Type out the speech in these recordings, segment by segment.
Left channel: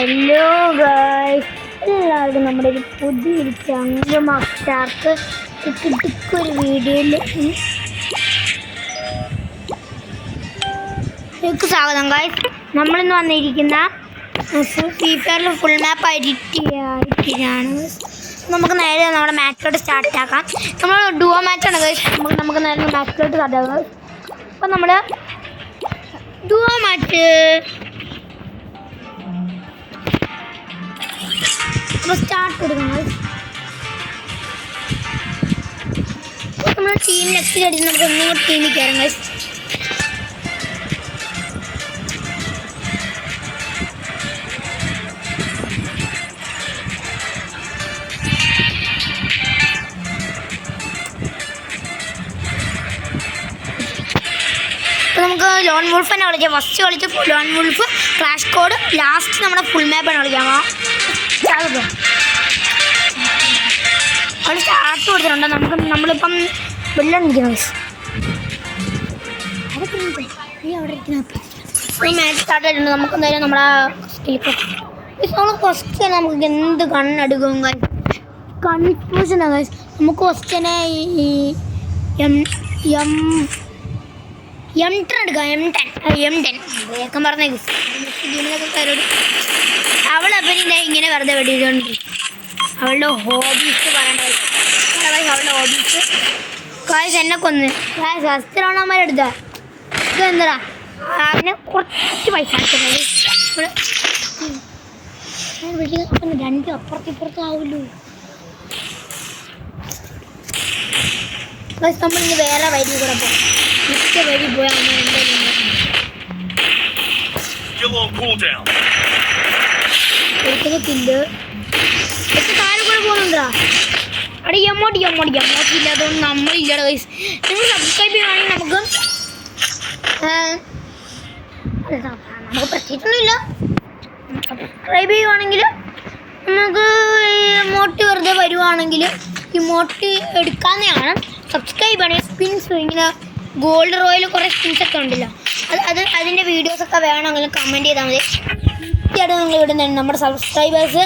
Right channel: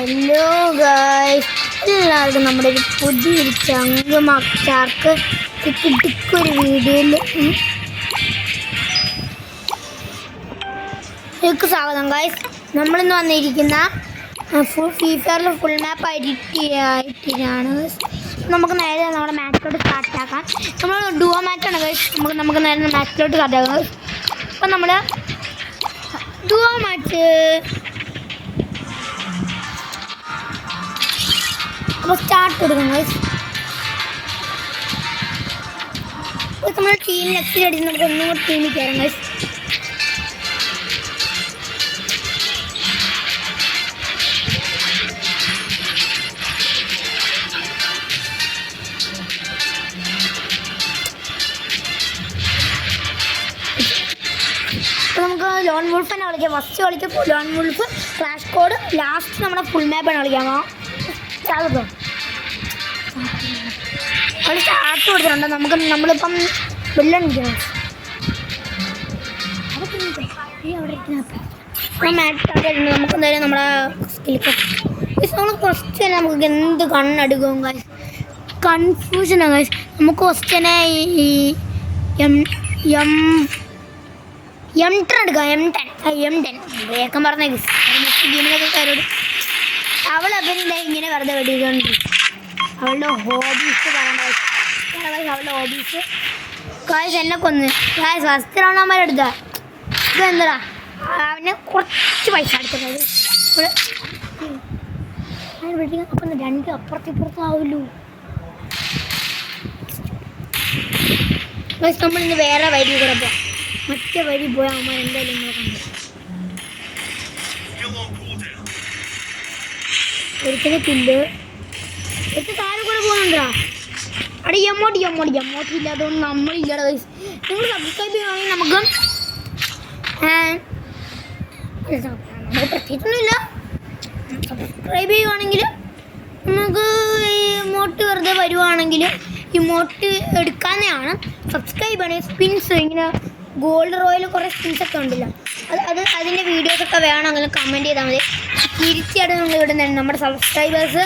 Hello guys, എല്ലാവർക്കും നമ്മുടെ ഒരു പുതിയൊരു ചാർക്ക് ഒരു വീഡിയോയിൽ സ്വാഗതം ഗൈസ്. നമ്മളിന്ന് വന്നിരിക്കുന്ന ഫ്രീ ഫയറിൽ ഫുൾ മാപ്പ് എഡിറ്റാണ്. നമുക്ക് നേരെ നമ്മുടെ മാച്ചിലോട്ട് സ്റ്റാർട്ട് ആക്കാം. നമ്മൾ ഡുവോ മാച്ചാണ് ഗൈസ്. നമുക്ക് നേരെ മാച്ചിലോട്ട് സ്റ്റാർട്ട് ആക്കാം. അപ്പം നമ്മൾ ഡുവോ മാച്ച് സ്റ്റാർട്ട് കൊടുക്കാം ഗൈസ്. അപ്പോൾ നമ്മൾ ടീം ലെഫ്റ്റിൽ അടിച്ച് നമുക്ക് ഒന്നും ടീമിൽ കയറാം ഗൈസ്. അപ്പോൾ നമുക്ക് ലോൺ വുൾഫ് തന്നെ കളിക്കാം. ഫസ്റ്റ് കളിച്ച് lone wolf, crash code, last നമ്മുടെ ഫുൾ മാപ്പാണ് കളിക്കാമോ? ചാകും അവിടെ സ്റ്റാർട്ട് കൊടുത്തിട്ടുണ്ട്. നമ്മളിപ്പം വെള്ളം നിൽക്കുന്നു. അവിടെ മാച്ച് സ്റ്റാർട്ട് ചെയ്തിട്ടുണ്ട്. നമുക്ക് എന്തായാലും നമ്മളെ സ്കില്ലിപ്പോൾ നമ്മൾ ഫസ്റ്റ് തന്നെ നമുക്ക് എന്ത് കണ്ണെടുക്കും ഗൈസ്, കൺഫ്യൂഷനാണ് ഗൈസ്. നമുക്ക് ഫസ്റ്റ് തന്നെ ഈ M10 എടുക്കാം. M10 വേഗം പറഞ്ഞ ഗീമിനൊക്കെ കാരോട് അവളപ്പം ഇങ്ങനെ വെറുതെ വെടിയിട്ടുണ്ടിരിക്കും. അവളുടെ ഹോബീസ് പറയണ്ട. അവളുടെ ഹോബീസ് കാശ് എന്നെ കൊന്ന് കാശ് ഫസ്റ്റ് റൗണ്ടന്മാരെടുത്ത ഇത് എന്താ അവനെ കുറച്ച് പൈസ അടിച്ചത് അപ്പം രണ്ട് അപ്പുറത്തിപ്പുറത്താവുമല്ലോ. നമ്മളിന്ന് വേറെ വഴി കൂടെ പോകാം. മറ്റേ വഴി പോയാൽ അമ്മ എന്തായാലും ഒരിക്കലും തില്ല് എത്ര താരം കൂടെ പോകുന്നുണ്ടോ? അവിടെ എമ്മോട്ടി ഇല്ലാത്തതുകൊണ്ട് നമ്മളില്ലാതെ ഗൈസ്. നിങ്ങൾ സബ്സ്ക്രൈബ് ചെയ്യുകയാണെങ്കിൽ നമുക്ക് പ്രത്യേകിച്ചൊന്നുമില്ല. സബ്സ്ക്രൈബ് ചെയ്യുവാണെങ്കിൽ നമുക്ക് ഇമോട്ട് വെറുതെ വരുവാണെങ്കിൽ ഇമോട്ട് എടുക്കാവുന്നതാണ്. സബ്സ്ക്രൈബ് ആണെങ്കിൽ സ്പിൻസ് ഇങ്ങനെ ഗോൾഡ് റോയിൽ കുറേ സ്പിൻസൊക്കെ ഉണ്ടല്ലോ, അതിൻ്റെ വീഡിയോസൊക്കെ വേണമെങ്കിൽ കമൻറ്റ് ചെയ്താൽ മതി. തീർച്ചയായിട്ടും നമ്മൾ ഇടുന്നതാണ്. നമ്മുടെ സബ്സ്ക്രൈബേഴ്സ്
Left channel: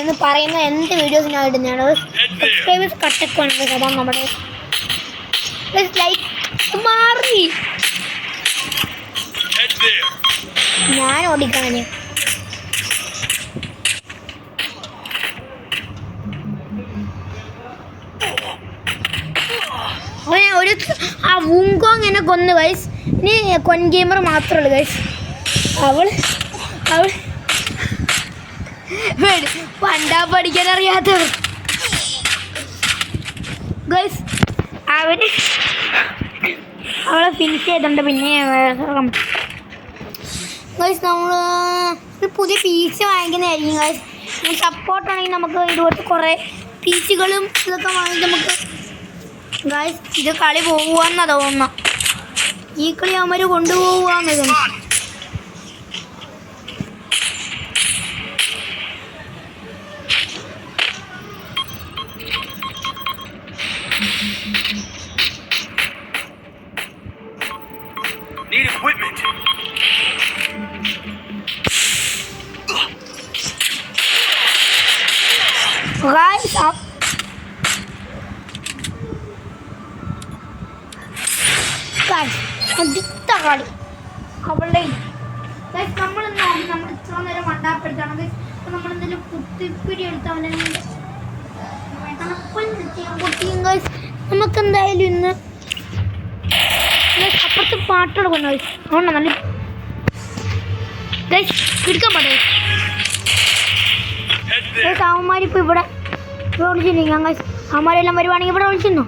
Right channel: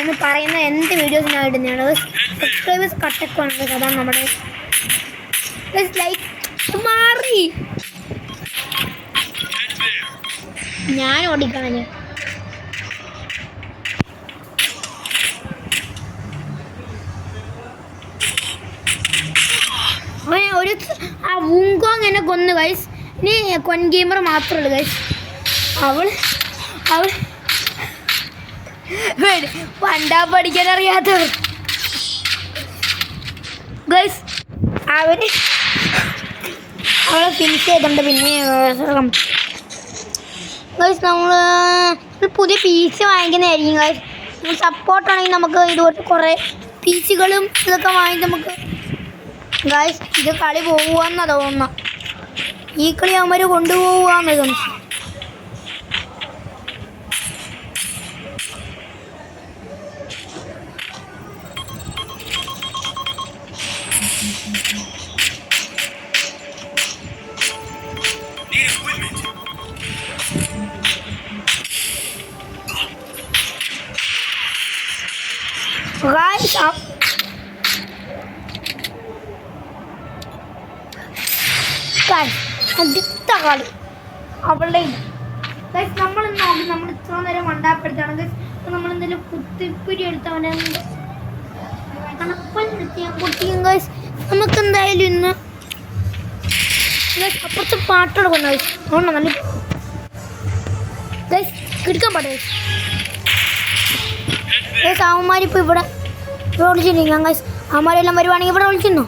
എന്ന് പറയുന്ന എന്ത് വീഡിയോസ് ഞാൻ ഇടുന്നതാണ്. സബ്സ്ക്രൈബേഴ്സ് കട്ടൊക്കെ അതാണ് നമ്മുടെ ലൈക്ക് മാറി ഞാൻ ഓടിക്കാണ്. ഒരു ആ വുങ്കോങ് എന്നെ കൊന്നു ഗൈസ്. ഇനി കൊൻ ഗെയിമർ മാത്രമേ ഗൈസ്. അവൾ പണ്ടാ പഠിക്കാൻ അറിയാത്തവർ ഗൈസ്. അവളെ ഫിനിഷ് ചെയ്തിട്ടുണ്ട്. പിന്നെ ഗൈസ് നമ്മൾ പുതിയ PC വാങ്ങിക്കുന്നതായിരിക്കും ഗൈസ്. സപ്പോർട്ടാണെങ്കിൽ നമുക്ക് ഇതുപോലത്തെ കുറേ PCകളും ഇതൊക്കെ വാങ്ങി നമുക്ക് ഗൈസ് ഇത് കളി പോകുകയെന്നാണ് തോന്നുന്നത്. ഈ കളി അവന്മാർ കൊണ്ടുപോകുകയെന്ന് തോന്നുന്നു. ഗൈസ് അടുത്ത കളി അവളുടെ നമ്മൾ ഇത്ര നേരം മണ്ടാപ്പെടുത്താണ്. നമ്മളെന്തെങ്കിലും കുത്തിപ്പിടി എടുത്തവനെ കുട്ടിയും ഗൈസ്. നമുക്കെന്തായാലും ഇന്ന് അപ്പുറത്ത് പാട്ടോടെ കൊണ്ടു അതുകൊണ്ടാണ് നല്ല ഗൈസ് എടുക്കാൻ പാടേ. അവന്മാരിപ്പോൾ ഇവിടെ വിളിച്ചിരിക്കാം ഗൈസ്. അവന്മാരെല്ലാം വരുവാണെങ്കിൽ ഇവിടെ വിളിച്ചിരുന്നോ?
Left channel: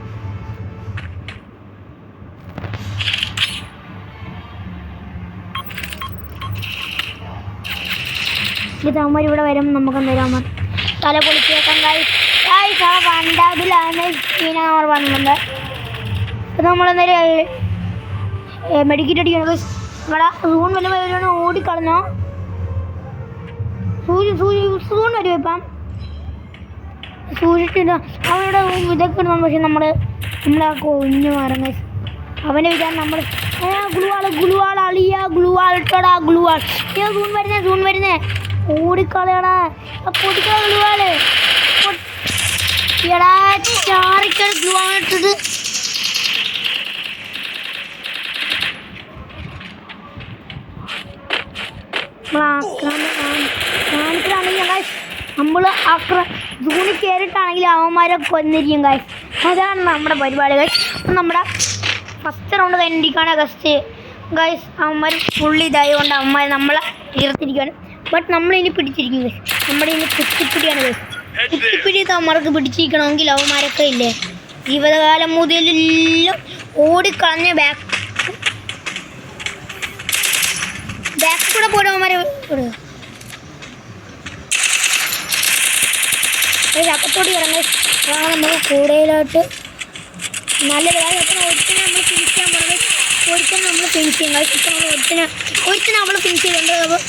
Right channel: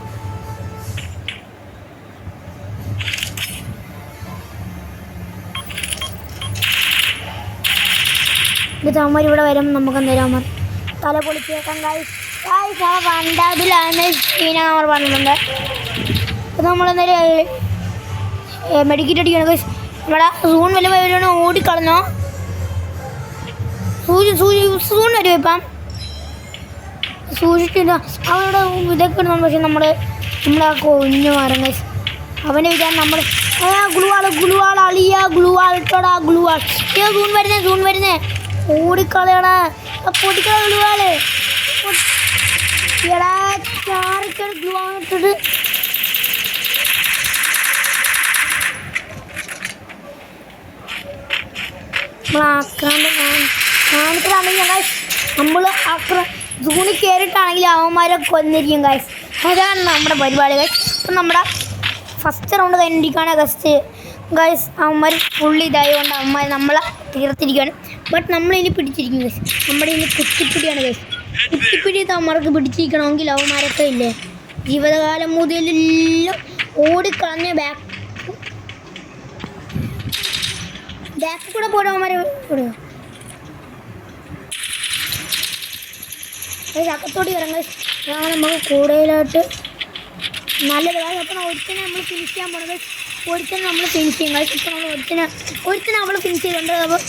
ഇത് അവന്മാർ ഇവിടെ വരുമ്പോൾ നമുക്ക് എന്തായാലും അവന്മാർ തല പൊളിച്ചേക്കാം ഗൈസ്. ആ കണ്ടതിലാണ് സീന അവർ പറഞ്ഞിട്ടുണ്ട്. അപ്പോൾ നമ്മളെന്തായാലും മെഡിക്കറ്റ് അടിക്കണം ഗൈസ്. നമ്മളെ സൂൺ വല്ല വരുവാണ് ഓടിക്കളഞ്ഞോ. സൂൺ വരും ഇപ്പം സൂക്ഷിച്ചില്ല. അവനോട് ഇതൊക്കെ ഇടണം. പക്ഷെ നമ്മളെ കൊഞ്ഞു മാറും ഗൈസ്. അവനെ വിചാരം നമ്മൾ ഗ്ലൂ ആൾ അളിയ ഗ്ലൂ ആളിട്ടോടാ ഗ്ലൂ ആൾ. സൂൺ വരുന്നേ ഓടിക്കളയടാ പൊട്ടിക്കള ഗ്ലൂവാള് എടാ ചാറിക്കളി ഗ്ലൂ ആണിട്ടത്. കാണിക്കലാണെങ്കിൽ നമ്മൾ ജൂണിൽ കയറിയിട്ടാണെങ്കിൽ അവന്മാരെ കൊന്നിരിക്കും ഗൈസ്. അതാണ് നമ്മുടെ പരിപാടി ഗൈസ്. അപ്പം നമ്മുടെ ഫസ്റ്റ് റൗണ്ട് കഴിഞ്ഞിരിക്കുകയാണ് ഗൈസ്. അവന്മാർ ഫുള്ള് ഇതായതുകൊണ്ട് അവന്മാർ നമ്മളെ തീർത്തിരിക്കുകയാണ്. ബട്ട് നമ്മളിനി പിടിച്ചിരിക്കും ഗൈസ്. നമ്മുടെ ഇനി കുത്തിപ്പിടിയാണ് ഗൈസ്. കുത്തിപ്പിടി അവന്മാർക്ക് പിടിച്ചിരിക്കണമെങ്കിൽ അവന്മാരൊക്കെ ഇല്ലേ ജീവിതകാലം മുതലെല്ലാം ഓടിക്കളഞ്ഞ ബാക്ക് കൂടെ പോലും അവന്മാരെ വിടുക. അകത്തോട്ട് ഇറങ്ങി നമുക്ക് കൂടുതലായിട്ട് നല്ല അപ്പം ഒരുത്തിനെ നമ്മൾ ഫിനിഷ് ചെയ്യാൻ പോകുന്നത്. ഒരുത്തിനെ നമ്മൾ ഫിനിഷ് ചെയ്യും കഴിച്ച്. ഇപ്പം നമ്മൾ ഒരുത്തിനെ നമ്മൾ ഫിനിഷ് ചെയ്തിട്ടുണ്ട്. അപ്പോൾ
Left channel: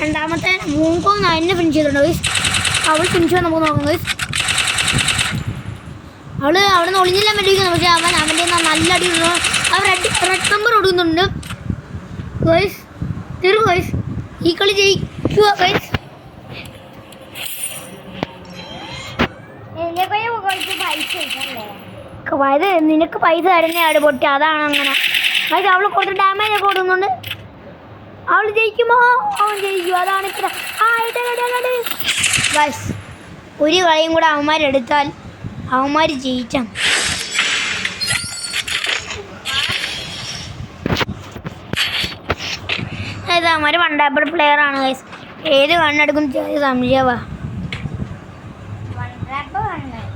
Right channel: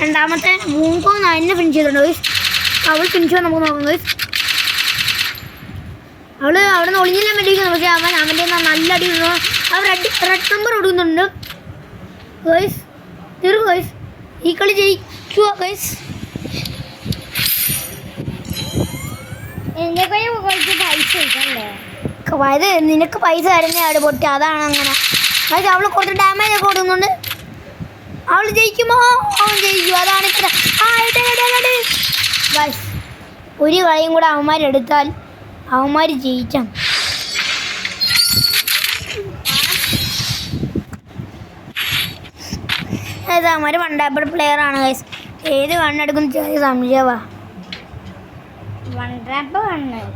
രണ്ടാമത്തെ മൂങ്കോങ് എന്നെ ഫിനിഷ് ചെയ്തിട്ടുണ്ട് ഗൈസ്. അവൾ ഫിനിഷ് ചെയ്യാൻ നമുക്ക് നോക്കാം ഗൈസ്. അവൾ അവിടെ നിന്ന് ഒളിഞ്ഞില്ലാൻ വേണ്ടിയിരിക്കുന്നു. പക്ഷേ അവൻ്റെ നല്ല അടി അവർ റെഡ് നമ്പർ കൊടുക്കുന്നുണ്ട് ഗൈസ്. തീർന്നു ഗൈസ്. ഈ കളി ജയിക്കുക ഗൈസ്. അതായത് നിനക്ക് പൈസ തരുന്നതാണ് പൊട്ടി. അതാണ് അങ്ങനെ ഗൈസ്. അവൾ കുറച്ച് ഡാമേജ് ഒക്കെ കൊടുക്കുന്നുണ്ട്. അവൾ ജയിക്കുമോ? അവൻ ജയിക്കും. അതാണ് ഇത്ര ഗൈസ്. ഒരു കളിയും കൂടെ അവന്മാരെടുത്താൽ അവന്മാർ ജയിക്കാം. അതായത് അവന്മാർ വണ്ടാപ്പർ പ്ലെയർ ആണ് ഗൈസ്. ഏത് കണ്ണെടുക്കും ചെറിയ സംശയവാ.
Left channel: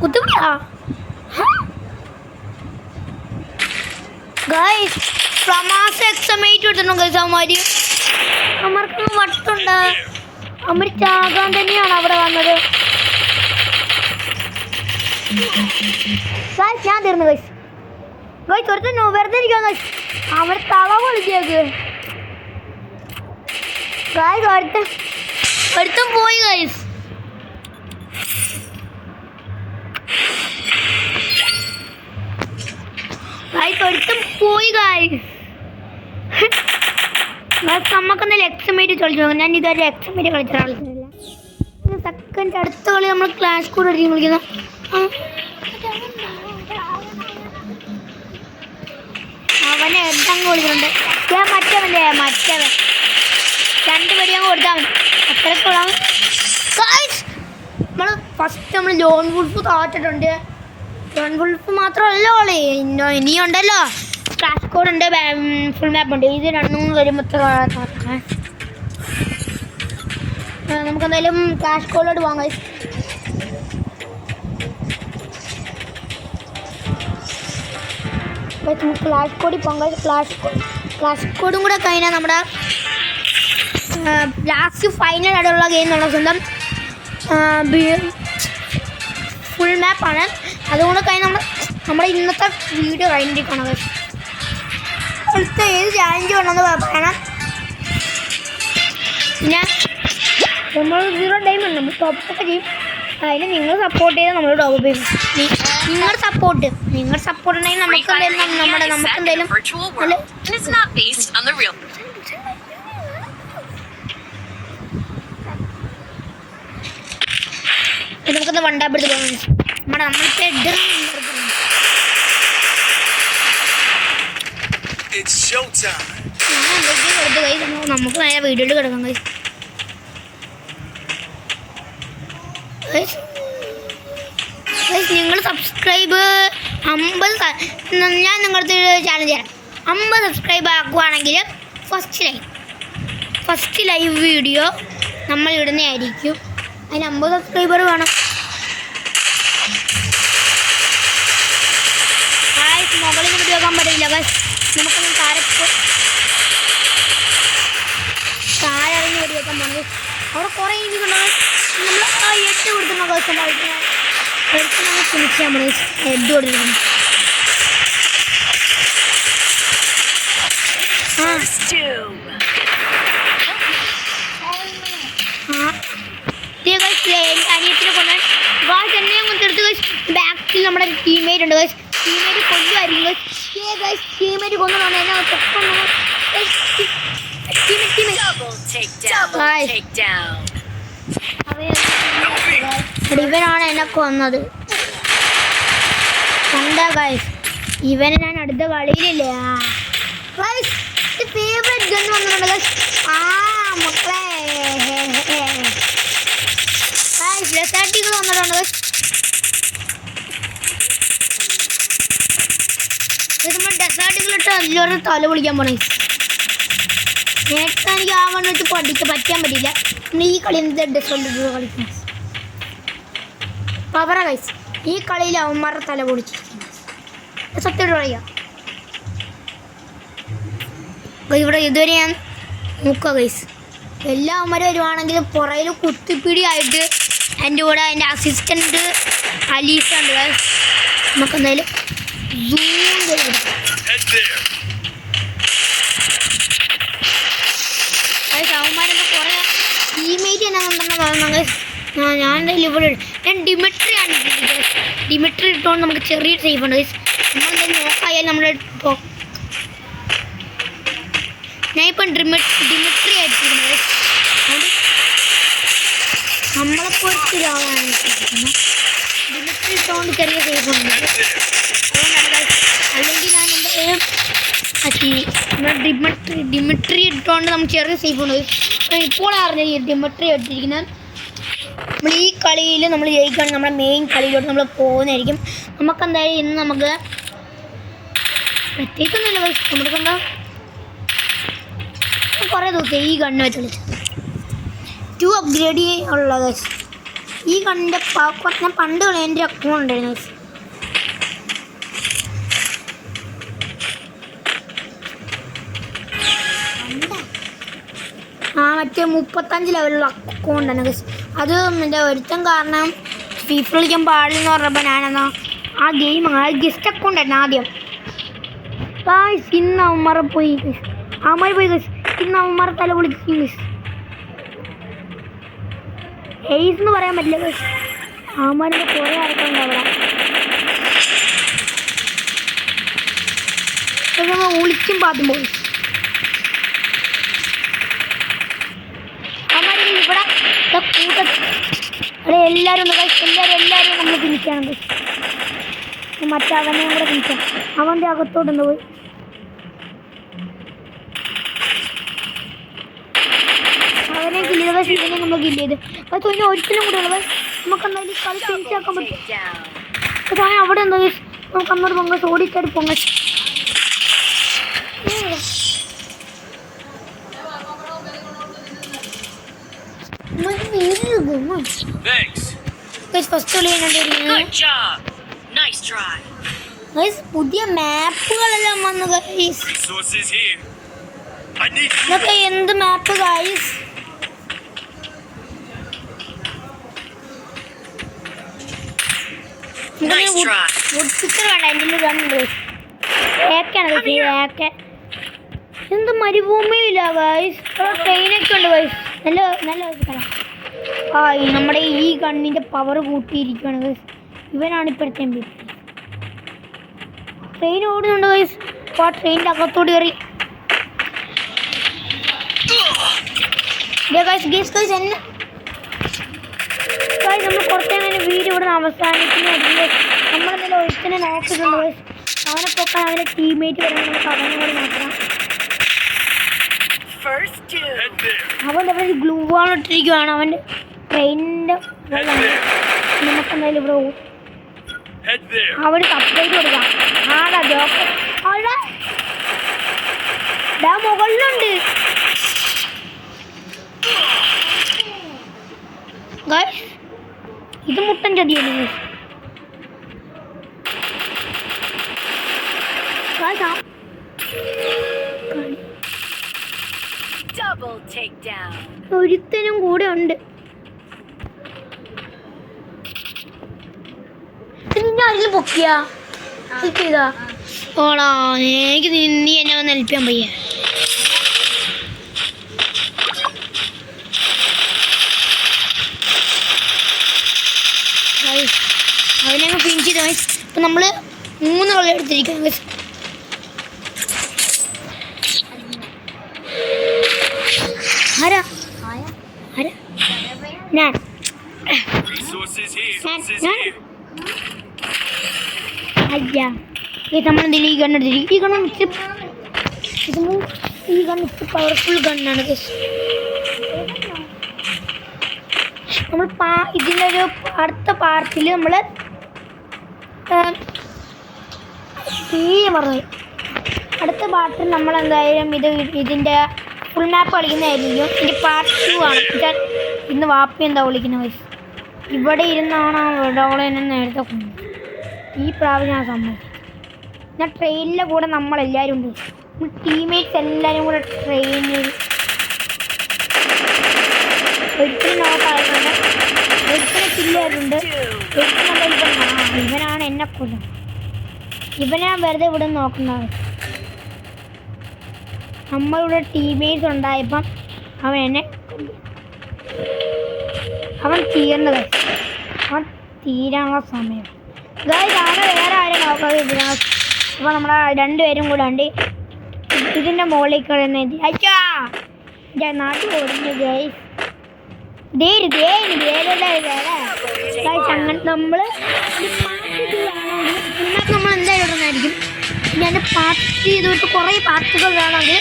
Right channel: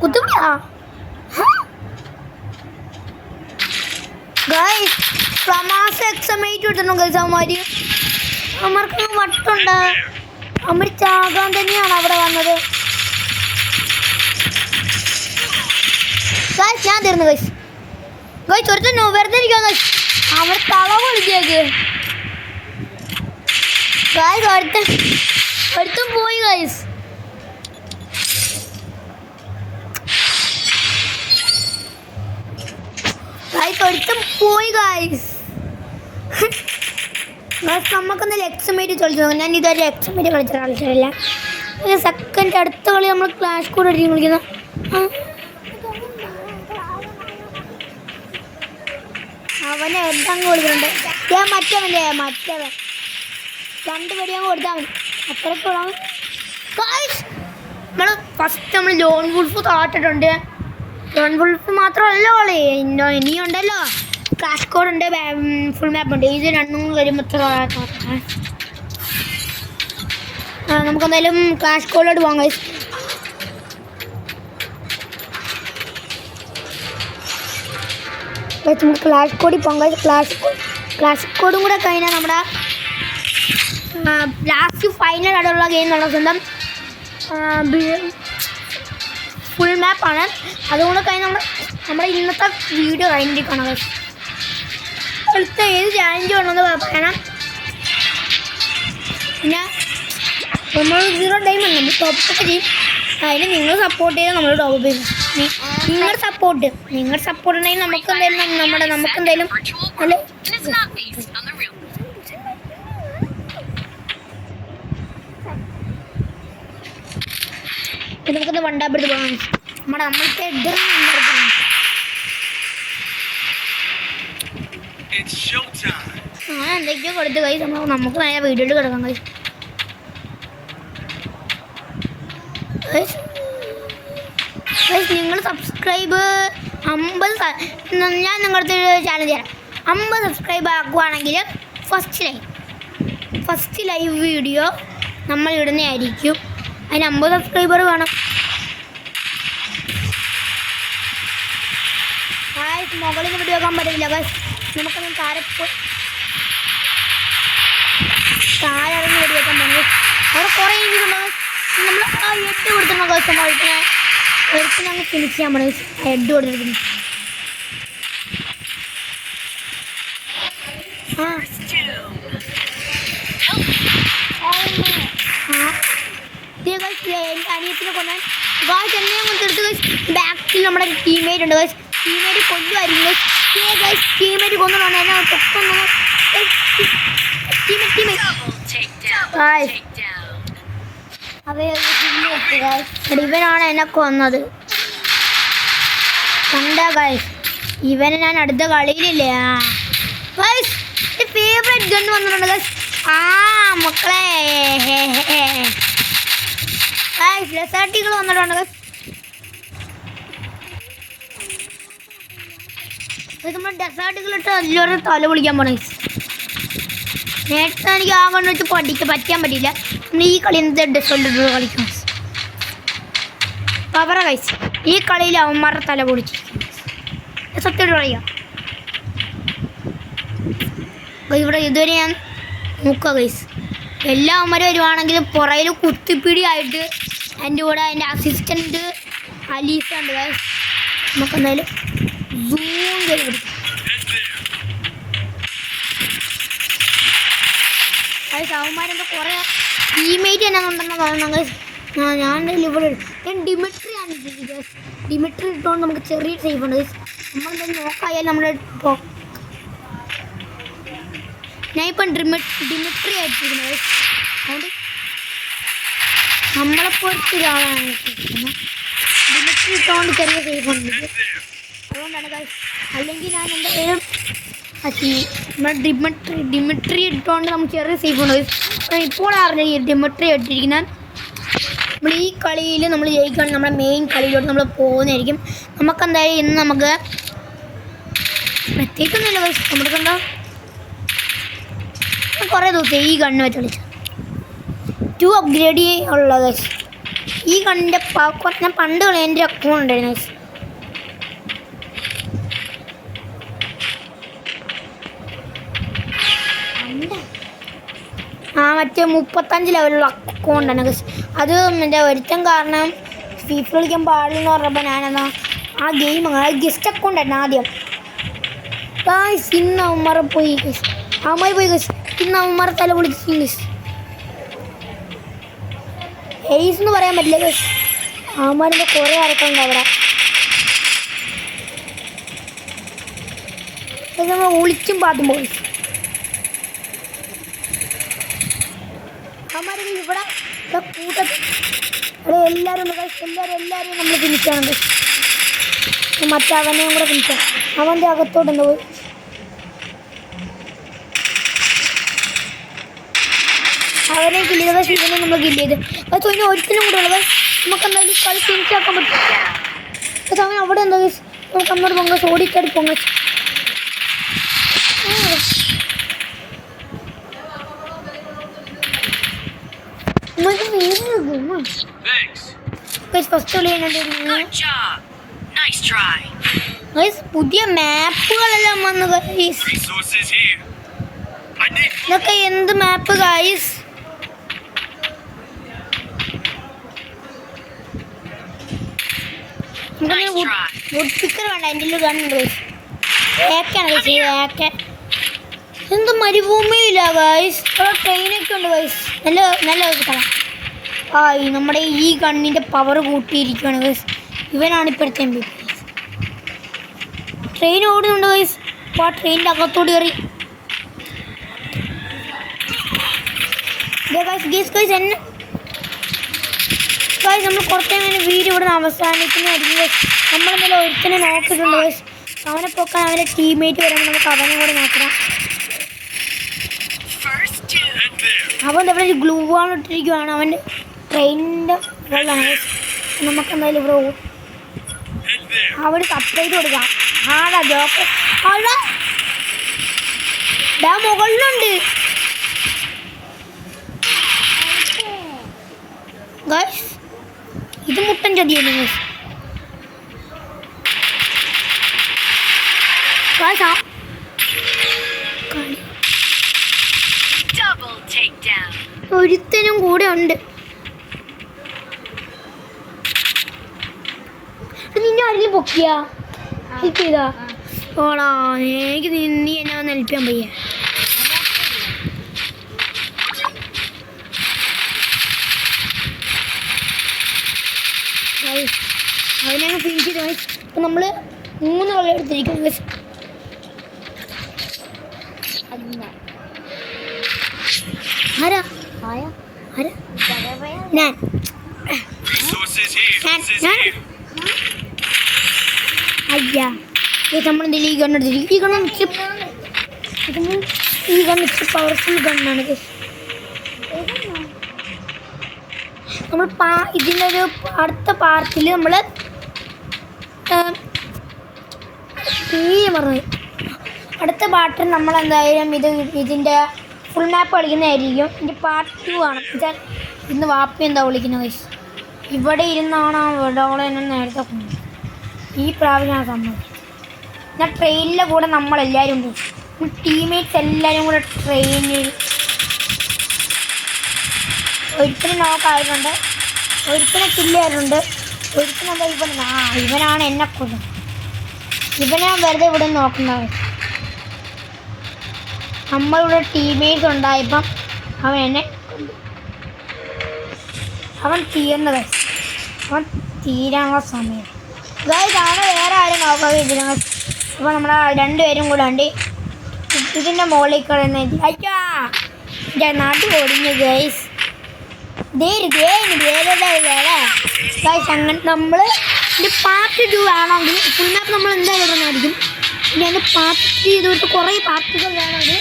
കുത്തുപിടിയാ ഗൈസ്. പ്രമാസ എക്സമേറ്റ് എടുത്തിട്ടുണ്ടോ ഗൈസ് അവന്മാര്? അവന്മാർക്ക് വട്ടുണ്ട്. അവന്മാർ ചാകാൻ തന്നെയാണ് അവിടെ വന്നത് ഗൈസ്. ഞാൻ തീർന്നു ഗൈസ്. ഒരുത്തൻ വെറുതെ ഇരിക്കാൻ ഗൈസ്. അവർ തള വിളിച്ചേക്ക് ഗൈസ്. ഒരുത്തൻ പോയി ഗൈസ്. ഒരുത്തം പോയി ഗൈസ്. നമുക്കെന്തായാലും എക്സമേറ്റ് കളിച്ചു നോക്കാം. ഞാൻ ഇതുവരെ എക്സമേറ്റ് കളിച്ചിട്ടില്ല. സെക്കൻഡ് അടുത്ത കളി നമ്മൾ ക്ലാഷ് കൂടെ അടിക്കും കളിക്കുന്ന. അവനെ എന്തങ്ങ് കൊടുക്കുന്നുണ്ട്. ഞാൻ മറ്റവൻ രണ്ടുപേരും അങ്ങ് കൊടുത്താൽ മതി. അത്രയ്ക്കുള്ള നമ്മൾ ഫസ്റ്റ് നമ്മൾ ലോൺ വുൾഫ് താട്ടിട്ടുണ്ട്. ലോൺ വുൾഫ് മാത്രമല്ല കളി ഇനിയുണ്ടല്ലോ. ക്ലാഷ് കോഡ് ഉണ്ട്, ഫുൾ മാപ്പ് ഉണ്ട്. ഇത് രണ്ടും വരുമ്പോൾ നമുക്കെന്തായാലും ക്ലാഷ് കോഡിലോട്ട് പോകാം ഗൈസ്. നമുക്ക് ക്ലാഷ് കോഡിൽ പോകാം ഗൈസ്. ക്ലാഷ് കോഡും കൂടെ കഴിഞ്ഞാൽ നമ്മുടെ ലാസ്റ്റ് ഫൈനൽ ആയിട്ടുള്ള ഗെയിം എന്നുള്ള സ്വന്തം ഫുൾ മാപ്പാണ്. അതുകൊണ്ട് കഴിഞ്ഞ് നമ്മുടെ ഇന്നത്തെ വീഡിയോ കഴിഞ്ഞിരിക്കണം ഗൈസ്. അടുത്ത ഏത് ചാലഞ്ച് വേണമെന്ന് പറയണം. പിന്നെ നമ്മൾ 0 ഡയമണ്ട് നമ്മൾ ടോപ്പൊക്കെ ചെയ്യും. അതിന് നിങ്ങൾ സപ്പോർട്ട് ചെയ്താൽ നമ്മൾ ടോപ്പ് ചെയ്യും. നിങ്ങളുടെ സപ്പോർട്ട് ഉണ്ടെങ്കിൽ നമുക്കെന്തായാലും നമുക്കെന്തായാലും നമുക്കൊന്ന് വണ്ടാപ്പെടുത്ത് പോകാം. നമ്മളത്തെ ഞാൻ എന്തൊക്കെയോ കൊടുത്ത് കൈ നമുക്ക് നേരെ വീഡിയോയിൽ കിടക്കാം കൈ. നിങ്ങൾ സബ്സ്ക്രൈബ് 50 ഞാൻ നിങ്ങളുടെ ചാലഞ്ച് തരാം. 50 സബ്സ്ക്രൈബ് ആക്കുവാണെങ്കിൽ ഫസ്റ്റ് ലൈവ് വീഡിയോ നമ്മൾ ഇടുന്നതായിരിക്കും. അതിന് 50 സബ്സ്ക്രൈബർ വേണം. മുകളിൽ നിന്ന് വീഡിയോ ആക്കാൻ പറ്റില്ല ഗൈസ്. നമുക്കൊന്നും താഴെ ഇറങ്ങി വീഡിയോ ആക്കാൻ പോകുന്നത്. അവിടെ കുറേ ഇരിക്കുന്നുണ്ടോ നമ്മൾ ആ 8 കൊടുക്കുന്ന ദിവസം ഒരിക്കലും ഞങ്ങൾ ഫിനിഷ് ചെയ്യാൻ പറയും. 8 കൊടുത്തിരിക്കുന്നു. അനിയത്തിനെ കൊണ്ടാൻ ഗായ്സ് എന്നെ കൊണ്ടെടുത്ത് ഗൈസ്. ബാക്കിൽ നമ്മുടെ ടീമേറ്റ് ഉണ്ട് ഗൈസ്. ടീമേറ്റ് കൊല്ലുമായിരുന്നു ഗൈസ്. ടീമേറ്റ് കൊന്നുകൊണ്ടാണ് എന്നെ ഇവനാണ് എന്നെ കൊന്നത്. കണ്ടാ ഗൈസ്, ഇവനെ ഞാൻ അടുത്ത കളിയിലില്ലേ. ഗൈസ് ഫേവറേറ്റ് ഗൺ വന്നിട്ടുണ്ട് ഗൈസ്. മക്കളെ ഡെസേർട്ടുകൾ വന്നിട്ടുണ്ട് ഗൈസ്. നമ്മൾ ഡെസേർട്ടുകൾ ഇട്ട് അതിലൊരു തല പൊളിക്കാൻ പോണേ. നേരത്തെ എനിക്ക് ആ വണ്ണം വെച്ച് പറ്റാൻ പറ്റില്ല. നമ്മൾ ഈ കളി എന്ത് ഡെസേർട്ട് കളിക്കണം. പവറ ഗൈസ്, ഈ കളിയിൽ അവന്മാരുടെ തല പൊളിച്ചിരിക്കും. സത്യം കളിക്കാം. ഇവിടെ ഇതുവരെ ഞാൻ നോക്കുക ഗൈസ്, എല്ലാ അവന്മാരും വരുവാണെങ്കിലും പുറയിൽ കുത്തിപ്പിടിയായിട്ട് എൻ്റെ കൂടെ എൻ്റെ അസിസ്റ്റൻറ്റ് അലീസ ഉണ്ട് ഗൈസ്. നമുക്ക് എന്തായാലും സൂം ചെയ്ത് ഗൈസ്. അവന്മാരെന്താ കുറേ ടീമേറ്റ് തന്നെ ഉണ്ടെന്ന് പറയുന്നത് ഗൈസ്. ഞാൻ ഇവിടെ ഞാൻ ഡിമിട്രി ആണ് ഗൈസ്. ഡിമിട്രി ഇട്ടുകൊണ്ട് നമുക്ക് ചെറിയ സേഫ് ഉണ്ട് ഗൈസ്. നമ്മളെന്തായാലും നോക്കായാൽ നമ്മുടെ ഞാൻ ഇപ്പം ഡിമിട്രി ആയിട്ടിരിക്കുന്നത് ഗൈസ്. അതുകൊണ്ട് നമ്മളെപ്പോലത്തെ ഒരാളാണ് ഡിമിട്രി ഇട്ടുകൊണ്ട് ചെറിയ സേഫ് ഉണ്ട്. അതുകൊണ്ടാണ് ഗൈസ്. അല്ലെങ്കിൽ ഞാൻ എന്തായാലും ഡിമിട്രി ഇട്ടുകൊണ്ട് നമുക്ക് ചെറിയ സേഫ് ഉണ്ട് ഗൈസ്. ഇപ്പോൾ അറിഞ്ഞ ഈ ഡിമിട്രി ഇട്ടിരിക്കുന്നത് നമ്മൾ ഈ കളിയിൽ നമ്മൾ ജയിക്കുകയാണെങ്കിൽ നമ്മുടെ മെയിൻ കളിയിലോട്ട് നമ്മൾ പോകുന്നതായിരിക്കും. നമുക്കെന്തായാലും ഇന്ന് നമുക്ക് പ്രത്യേകിച്ചൊന്നുമില്ല ഗൈസ്. നമ്മൾക്കെന്താ കുറേ ദിവസം ഈ ഗണ്ണ് വെച്ച് കളിച്ചു 2 അപ്ഗ്രേഡ് ഉള്ള ഗൈസ്. ഈ ഗണ്ണിൻ്റെ ഞാൻ പണ്ട് കളി എൻ്റെ അക്കൗണ്ട് ഉണ്ടായിരുന്നു ഗൈസ്. മറ്റേ 35 ലെവലുള്ള അക്കൗണ്ടാണ് ഗൈസ്. അത് എൻ്റെ ഒരുത്തം കാരണം ഫീഫ കളിക്കാൻ പാടില്ലെന്ന് പറഞ്ഞപ്പോൾ ഞാനെന്നാ ആ ഗെയിം ഗസ്റ്റ് അക്കൗണ്ടായിരുന്നു ആദ്യം ഗൈസ്. ഇന്ന് അവന്മാർ പോയി ഗൈസ്. അവന്മാർ പോയി ഗൈസ്. ഇന്ന് അവന്മാർ തല പൊളിച്ചു ഗൈസ്. എയ്സ് എന്ന് പറയാൻ പറ്റില്ല ഗൈസ്. അവന്മാരുടെ കുറേ ആൾക്കാരുണ്ട് അവിടെ. നമ്മൾ ഒളിച്ചും പാത്തും പോയി. ഇവിടെ കൂട്ടത്തിൽ അവിടെ എല്ലാവരും ഉണ്ട് ഗൈസ്. എല്ലാവരും നമ്മൾ തിരിച്ചാണ് ഗൈസ്. മറ്റവനെയും കൂടെ തിരിച്ചാൽ അവൻ്റെ അകത്തോട്ട് പോയി. അവനെ കില്ല് ചെയ്ത ഗൈസ്. ഇവനെ നമ്മൾ കില്ല് ചെയ്ത് ഗൈസ്. അതിന് ഒരിക്കലും കൂടെ ഉള്ളത് നമുക്ക് എന്തായാലും കളി തിരിച്ചാക്കാൻ പറ്റും ഗൈസ്. അവൻ അവിടെ എന്താ ഗൈസ്. നമുക്ക് അങ്ങോട്ട് പൊങ്ങസ് ഓടിച്ചാടി പൊങ്ങസ്. പുതിയ മാപ്പുകളെല്ലാം വന്നു ഗൈസ്. ഇതൊക്കെ എന്ത് മാപ്പ് ഗൈസ്. വുഡ്പിക്കർ വേണ്ട. എൻ്റെ ഉള്ളിൽ കണ്ടുണ്ട് ഗൈസ്. ഏക്കാണ് ഗൈസ്. എന്ത് മരുഭൂമിയില്ല ഗൈസ്. ട്രെയിനൊക്കെ ഉണ്ട് ഗൈസ്. നല്ല സ്ഥലം. നമ്മുടെ ഈ ഗണ്ണിൻ്റെ പവർ കൂട്ടിയിരിക്കുകയാണ് ഗൈസ്. ഇവനാണ് ഇപ്പോഴത്തെ MVP. ട്രെയിൻ ഓടുന്നുണ്ട് ഗൈസ്. അപ്പോൾ ആ ട്രെയിനിൻ്റെ അകത്തോട് കയറി ഗൈസ് എന്നെ ഗൈസ് നമ്മൾ കുറച്ച് വീഡിയോ ഇവിടെ അവസാനിക്കുന്നതായിരിക്കും ഗൈസ്. നമ്മളെന്തായാലും ഒരുത്തനെ നോക്കിയിട്ടുണ്ട് ഗൈസ്. അവനെ പൊക്കാൻ അവൻ്റെ ടീമേറ്റ് വരുമ്പോൾ നമുക്ക് അവനെ കൂടെ നോക്കണം. അവൻ ഇവിടെ ഒരു ഗ്ലൂ വാൾ ഇട്ടിരിക്കുകയാണ്. അവൻ്റെ ട്രെയിനിൻ്റെ വെള്ളമാണ്. നമുക്കെന്തായാലും ഇവിടെ അവന് സപ്ലൈറ്റ് കൊടുക്കാം. ആടാ ജോക്ക് ആടാ മുകളിലുണ്ട് ഗൈസ്. ഇത് മുട്ടൻ ചതിയല്ലേ ഗൈസ്. ഒരുത്തനും കൂടെ ഉണ്ട്. നിന്നെ ആരെങ്കിലും പൊക്കിയാ ഹെൽപ്പ് ചെയ്താ ഓടാ. എനിക്ക് നീ എന്നെ വന്ന് ഹെൽപ്പ് ചെയ്യാൻ പയ്യ. അവനെ ഫിനിഷ് ചെയ്ത ഗൈസ്. ഇപ്പം നമ്മൾ 3 കളി എടുത്തിരിക്കുന്നു ഗൈസ്. ആരാ ഞാൻ അയ്യാ ഇത് നമ്മളെന്തെങ്കിലും ഈ ഗണ്ണെടുത്തിരിക്കും. ഈ ഗണ്ണ് ഇച്ചിരി പവർഫുൾ ഗണ്ണാണ്. നമ്മൾ ഇതിൻ്റെ ഒരു അടുത്ത പാർട്ടിൽ നമ്മൾ പറഞ്ഞു അടുത്ത പാർട്ടിൽ നമ്മൾ എന്തായാലും ഇതിൻ്റെ ഫുൾ മാപ്പ് കളിക്കുന്നതായിരിക്കും. ഇതിൻ്റെ പാർട്ട് 2 ആണ്. ഇന്ന് വാപ്പി എന്താ വിളിക്കുന്നത് വയസ്സ് ഇവിടെ ഇരുന്നാണ് അവളെ എന്നെ നേരത്തെ കൊണ്ടു. ഈ പ്രാവശ്യം ഞാൻ സമ്മതിക്കും. ഞാൻ ട്രെയിനിൻ്റെ കൂടെ നമ്മളെല്ലാവരും ഉണ്ട്. ടീംമേറ്റ്സ് എല്ലാവരും കൂടെ ട്രെയിനിൽ ഒരുത്തിനെ നോക്കായിട്ടുണ്ട്, ഒരുത്തിനെ കില്ലായിട്ടുണ്ട്, ഒരുത്തിനെന്താ ഇവനാണ് എന്നെ കൊല്ലുന്നത്. ഇവനെ വെറുതെ ഇവിടെ നോക്കുന്നത്. നമ്മളിവിടെ ടീംമേറ്റ്സ് ഉണ്ടായപ്പം അവൻ എന്നെ കൊല്ലും. അവൻ തീരേണ്ടത്, അവൻ തീരാനുള്ള സമയം ഗൈസ്. അവനെ വേറെ ആരും നോക്കാതെ ഇതിനകം. അപ്പോൾ നമ്മളെ രണ്ടുപേരും കൂടെ ഉണ്ട് ഇതിൻ്റെ മുകളിൽ കിടന്ന് അയ്യാ എൻ്റെ നാട്ടിൽ ഓടുന്നു ഗൈസ്. ഗൈസ് അങ്ങനെ നമ്മൾ ഇതിൻ്റെ പാർട്ട് 2 വേണമെങ്കിൽ ഫുൾ മാപ്പ് നമ്മൾ എന്തായാലും ഇടുന്നതായിരിക്കും. ഇനി അതിൻ്റെ പാർട്ട് ചെയ്തിട്ട് കുറേ പാർട്ടുകൾ വേണമെങ്കിൽ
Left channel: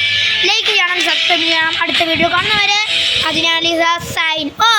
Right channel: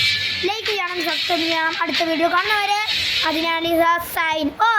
ലൈക്ക് ചെയ്യണം, സബ്സ്ക്രൈബ് ചെയ്യണം. അടുത്ത വീഡിയോ കാണുന്നവരെ അതിനാൽ സൈൻ ഓ.